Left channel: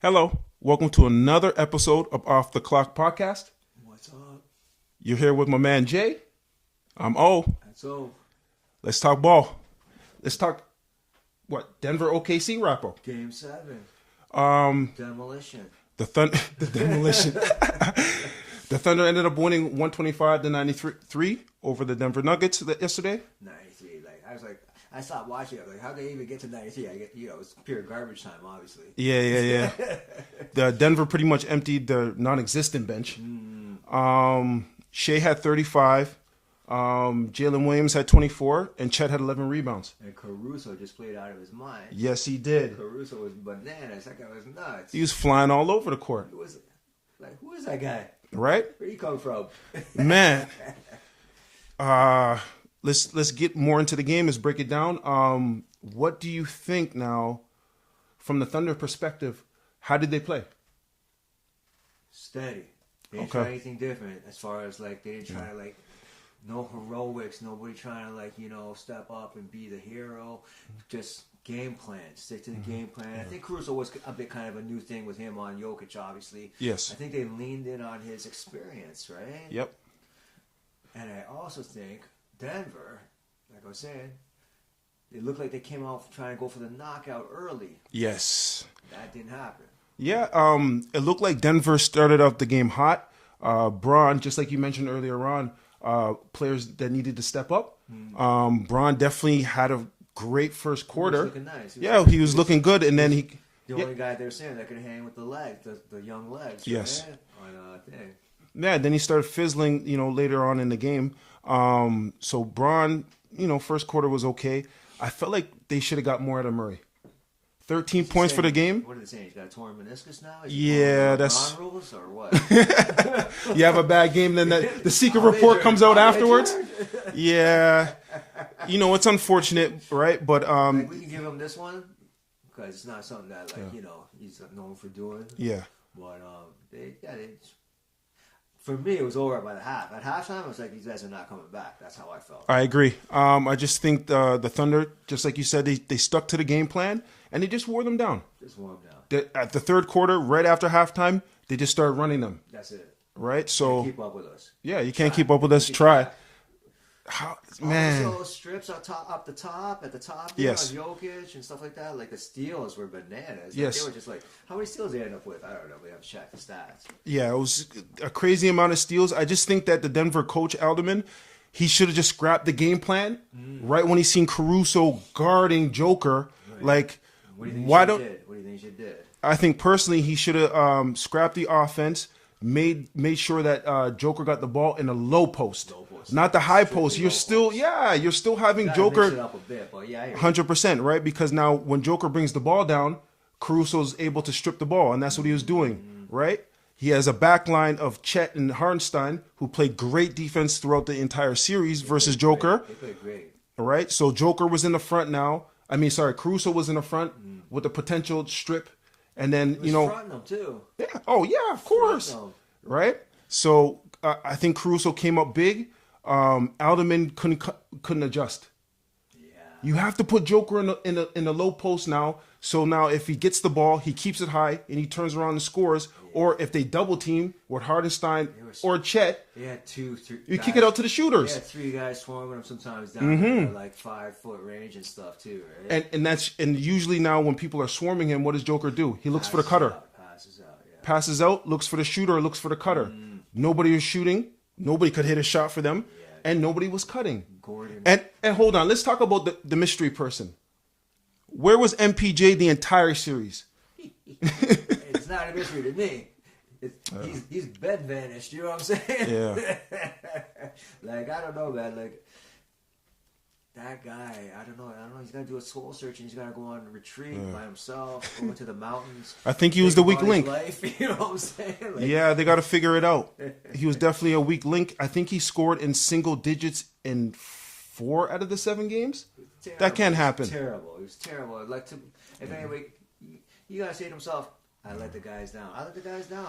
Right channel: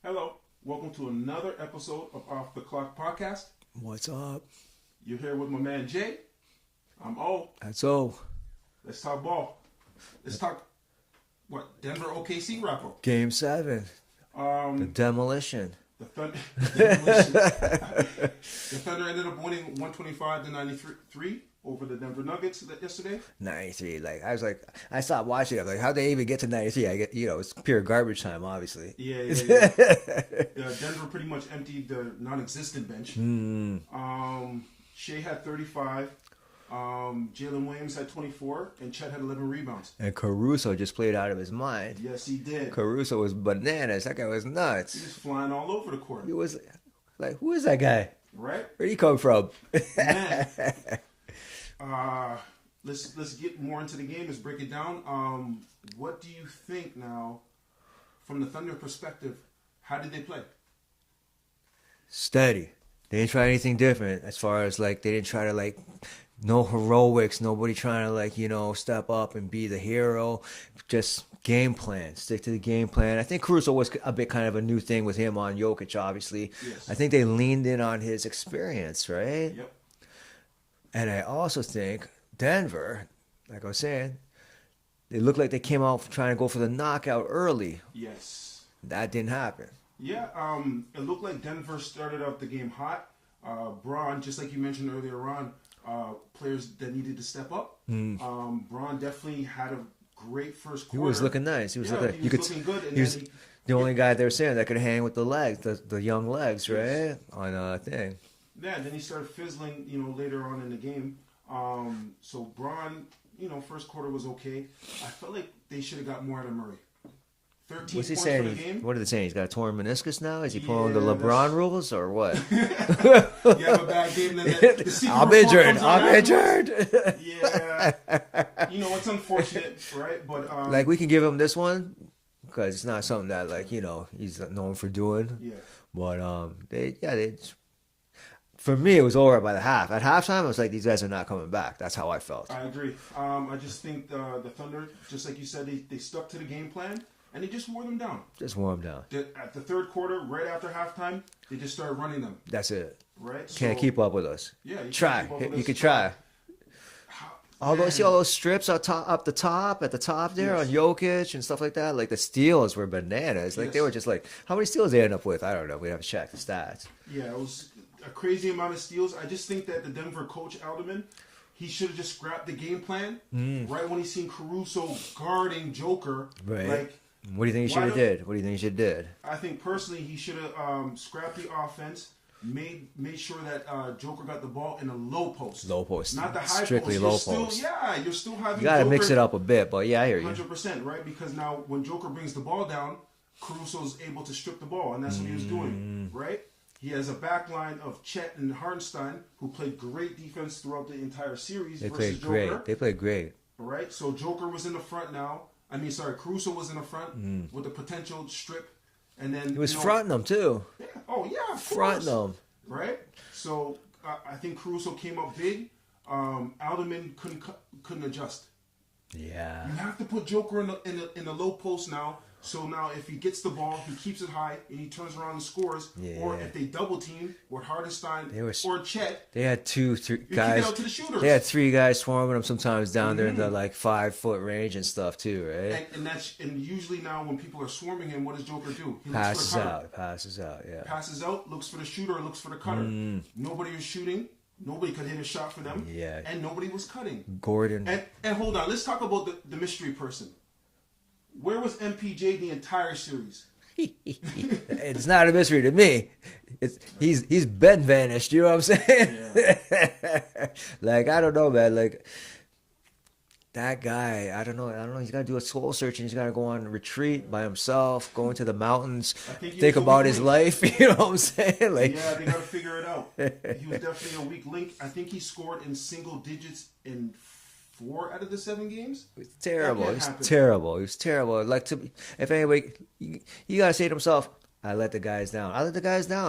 Hello, welcome to another episode of Off the Clock Podcast. What's up? You're here with my man Jay. I'm O. That's all. Let's talk ball. Let's talk Denver OKC wrap up. Game 7. Demolition. The Thunder, the demolition. The Thunder ended up winning 125-93 over the Denver Nuggets yesterday. 93. I stopped watching. I was like, how'd they even get to 93? It's pure garbage time, obviously. Yeah. The Denver pretty much emptied their non-existent bench. Shea had 35. Jalen Williams had 24, and Chet had 11 rebounds. And Caruso just played out of his mind. Yes, he did. Caruso was bananas. That guy was nuts. He was flying all over the court. He was like, who is that guy? Right? Where'd he come from? Man. Let's get more into the game. Let's break it down. What do you think now, from the Thunder perspective? How did they play? Steady. They didn't try anything different as far as they didn't try to no heroics, nobody trying to step up and be the hero. Just game plan, stick to the game plan. I think Caruso was a bit kind of a new thing with him on Jokic, obviously. Yes. I think they leaned in on his experience, right? Yep. And I also think Denver, like I was saying, they looked like they came out trying to go for the knockout early. Yes. That didn't happen. Yeah. It looked like Denver started out the game hot. Braun, just like you mentioned earlier on, players that needed to step up. Braun definitely had a great first quarter. He was looking nice. He was looking good, and then he the only guy they were saying that could hang with the legs, the young legs, right? Yes. On a thing. Yeah, then he started fizzling, later on in the game. So Braun, first quarter was okay. I felt like they should have got more out of Murray. 13 points for the game. What are they saying? He's got a torn meniscus now? Is he Yeah, pulling the LeBron rules or what? You have a bad game, then the secret report comes out afterwards. Yeah. It's unfortunate, right? But we can give him this one because it's not something that he's known for doing. Yeah. But for me, it was over by the half. At halftime, it was like these guys are not coming back. That's how I felt. I agree. I just think the Thunder, just like you said, they stuck to the game plan and they just wore them down. Just wore them down. At the third quarter, right after halftime, they just started running them. That's it. Right? So can't keep up with us. Yeah, you can't keep up with us. Try. All those strips up at the top there Yes. on Jokic and stuff like that. Like the steals were bananas. They were just how many steals they ended up with? I don't know. We have to check the stats. Yeah, it was a crazy amount of steals. I just think that the Denver coach Alderman, he should have just scrapped the game plan right when he seen Caruso guarding Joker. Right. What do you think he should have did? What do you think he should have did? I think personally he should have scrapped the offense. Made sure that Joker got the ball in a low post, not the high post. You're still having you Joker mix it up a bit, but yeah, I hear you. 100%, right? Because now when Joker brings the ball down, Caruso's able to strip the ball, and that's what he was doing, right? He has a back line of Chet and Hartenstein who played great defense throughout the entire series versus Joker. They played great. All right, so Joker was in the front now. Caruso was in the front with the potential strip. And then he was fronting them too. Yeah. Oh yeah, of course. Fronting them. Right. So I think Caruso came up big. Alderman couldn't adjust. Yeah. You have to put Joker in a low post now. So now if he gets the ball, he keeps it high and he turns around and scores. Yeah. Or if they double team with Hardenstein or Chet, they had 2-3 you guys. kick it out to the shooters. They had 3 guys swarming them sometimes down there in the 5-foot range and stuff too, right? And usually now when people are swarming him, what does Joker do? He looks for the cutter. Passes out, yeah. Passes out, looks for the shooter, looks for the cutter. Nobody was shooting. Nobody could hit a shot for them. Yeah. And nobody was cutting. Gordon. And hold on, let's talk about the mystery person. Where was MPJ the entire series? It's not a mystery to me. He's been vanished. You know what I'm saying? Yeah. I don't know, man. That guy, I don't know. He's got to do a soul search, and he's got to go on a retreat by himself, go into the mountains. I think he was the weak link. His life, you know what I'm saying? Yeah, they got to figure it out. He was definitely a weak link. I think he scored in single digits in 4 out of the 7 games. That can't happen. He was terrible. If anyway, you got to say to himself, I let the guys down.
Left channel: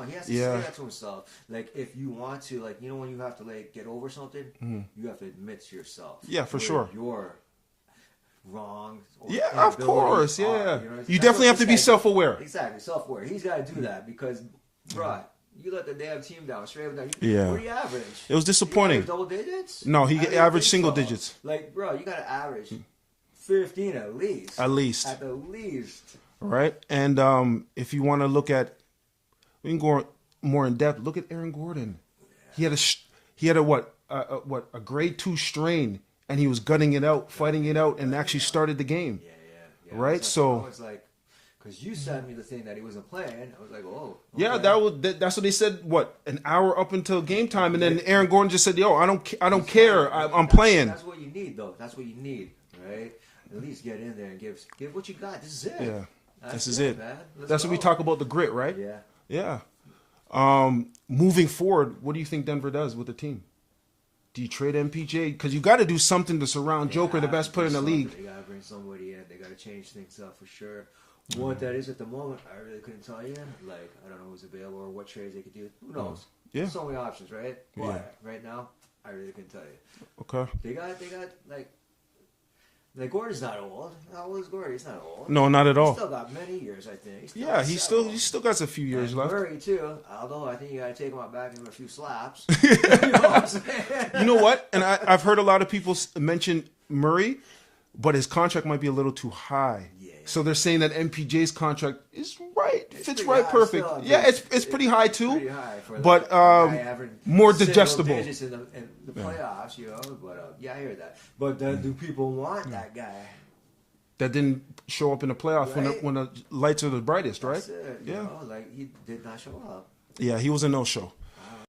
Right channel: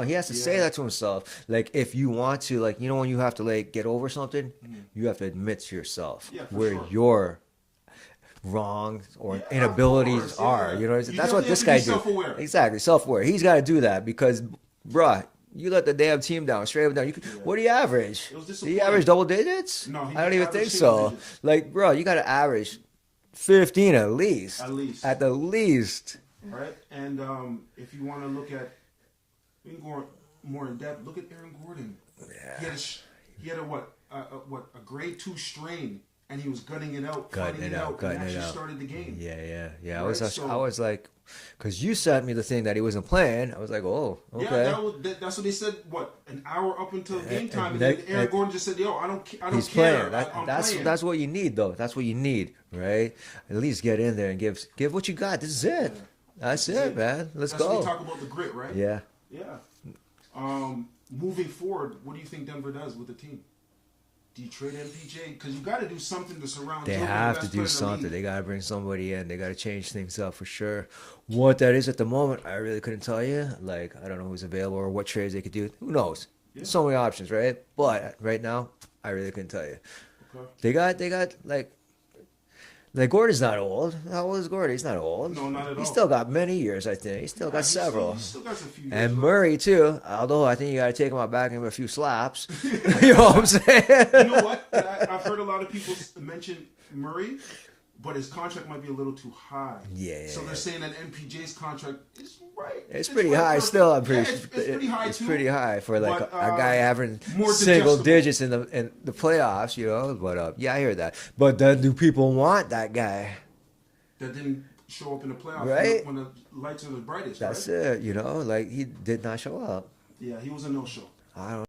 He has to say that to himself. If you want to, when you have to get over something, you have to admit to yourself. Yeah, for sure. wrong or Yeah, of inabilities course, are. yeah. You know, You that's definitely what have this to be guy did. self-aware. Exactly, self-aware. He's got to do that because, bruh, you let the damn team down, straight up down. Yeah. What do you average? It was Do you disappointing. average double digits? No, he I don't even averaged think single so. digits. Like, bro, you got to average 15 at least. At least. At the least. Right? And if you want to look at, we can go more in depth. Look at Aaron Gordon. Yeah. He had a grade 2 strain, and he was gutting it out, fighting it out, and actually started the game. Yeah. Right? I was like, because you sent me the thing that he wasn't playing. I was like, oh, okay. Yeah, that's what they said. What, an hour up until game time, and then Aaron Gordon just said, "Yo, I don't care. I'm playing." That's what you need, though. That's what you need, right? At least get in there and give what you got. This is it. Yeah. That's This is it, man. Let's That's go. what we talk about, the grit, right? Yeah. Yeah. Moving forward, what do you think Denver does with the team? Do you trade MPJ? Because you got to do something to surround They Joker, the have best to do player in the something. league. They got to bring somebody in. They got to change things up for sure. What that is at the moment, I really couldn't tell you. Like, I don't know who's available or what trades they could do. Who knows? Yeah. So many options, right? But right now, I really couldn't tell you. Okay. They got like Gordon's not old. How old is Gordon? He's not old. No, not at all. He's still got many years, I think. He's still Yeah, got several. he still got a few years And left. Murray too. Although I think you got to take him out back and give him a few slaps. You know what I'm saying? You know what? And I've heard a lot of people mention Murray, but his contract might be a little too high. Yeah. So they're saying that MPJ's contract is right. It's fits pretty right high. perfect. Still, it's pretty high it's too. Pretty high for like But, a guy averaging more single digestible. digits in the playoffs. You know, but yeah, I hear that. But then, do people want that guy? That didn't show up in the playoffs Right? when the lights are the brightest, That's right? it. You know, like he did not show up. Yeah, he was a no-show. I don't